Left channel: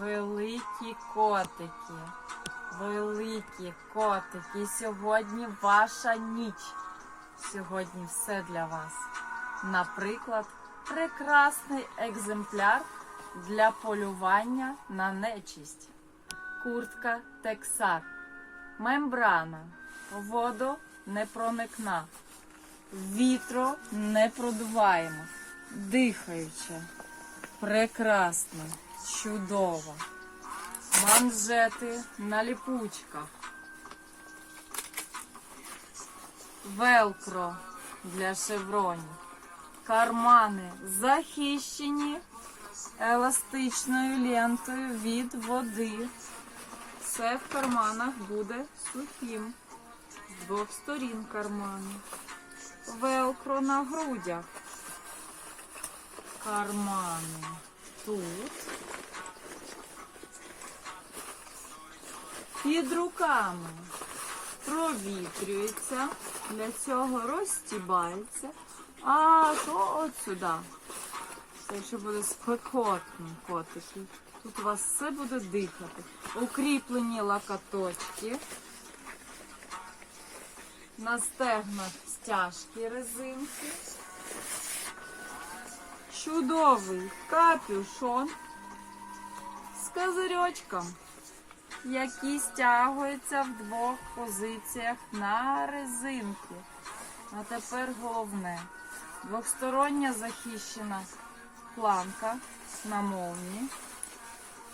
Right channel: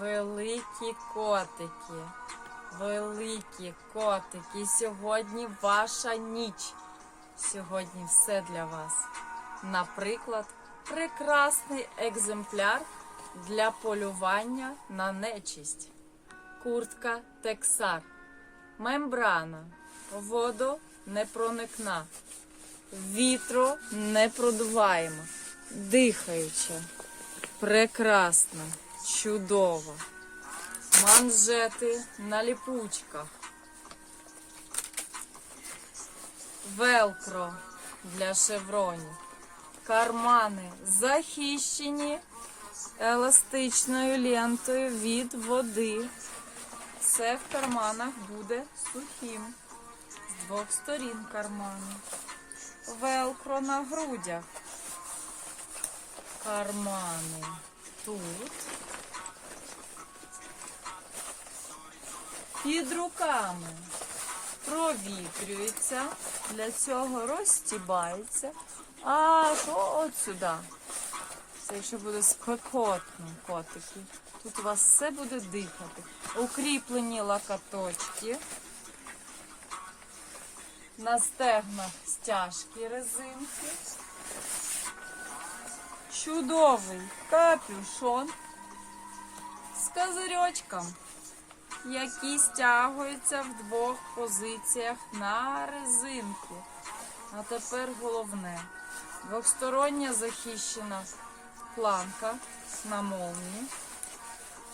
Великі котики, великі котики. Сьогодні ваша ніч. Сьогодні все для вас. Наприклад, прекрасний екземпляр для полювання на нечисть. Куртка Тексар. Мембрана. Водонепроникна. Вітро непродуваємо. Дихаюча. Прекрасно. Чудово. Манжети на ліпучках. Велкро для шевронів. Кармани захищені еластичною лентою від води. Все в карманах буде сухим. З двох сторін кармани. Велкро на грудях. Кармани тут. Під руками провітрюється, для цього розстібається, а то от сюди. Це ще буде спекотно, котики. Тут у вас все буде дихати. Укріплені лакаточки. На стегнах стяжки резинки. Чудовий капюшон з козирьочком, які стягуються в двох позиціях на резинку. А тепер головне. Двохстороння захищена планка на молні,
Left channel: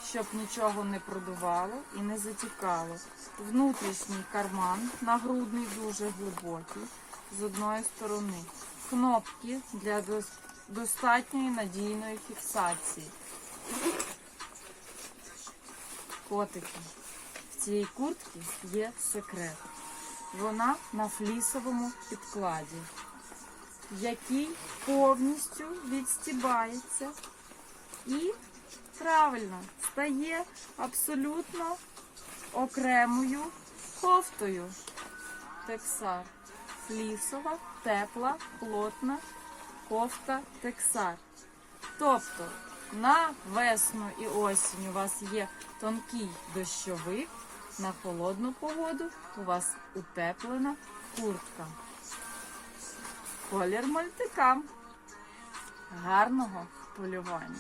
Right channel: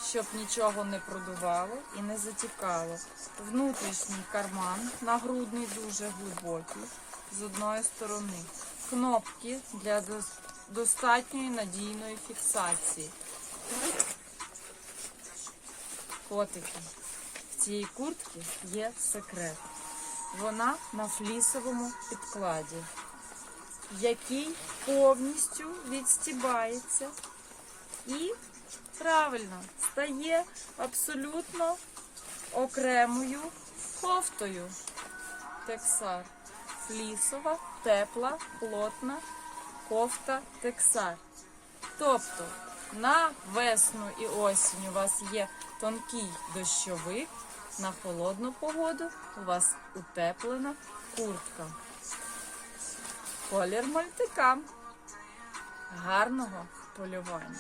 щоб нічого не продувало і не затікало. Внутрішній карман нагрудний дуже глибокий з одної сторони. Кнопки для достатньої надійної фіксації. Котики. В цій куртці є секрет. Вона на флісовому підкладі, який повністю відстібається і правильно стає абсолютно окремою кофтою. Тексар. Флісова, тепла, плотна кофта Тексар. Тобто на весну і осінь у вас є тонкий дощовик, на холодну погоду у вас утеплена куртка. Колір мультикам. Гарного полювання.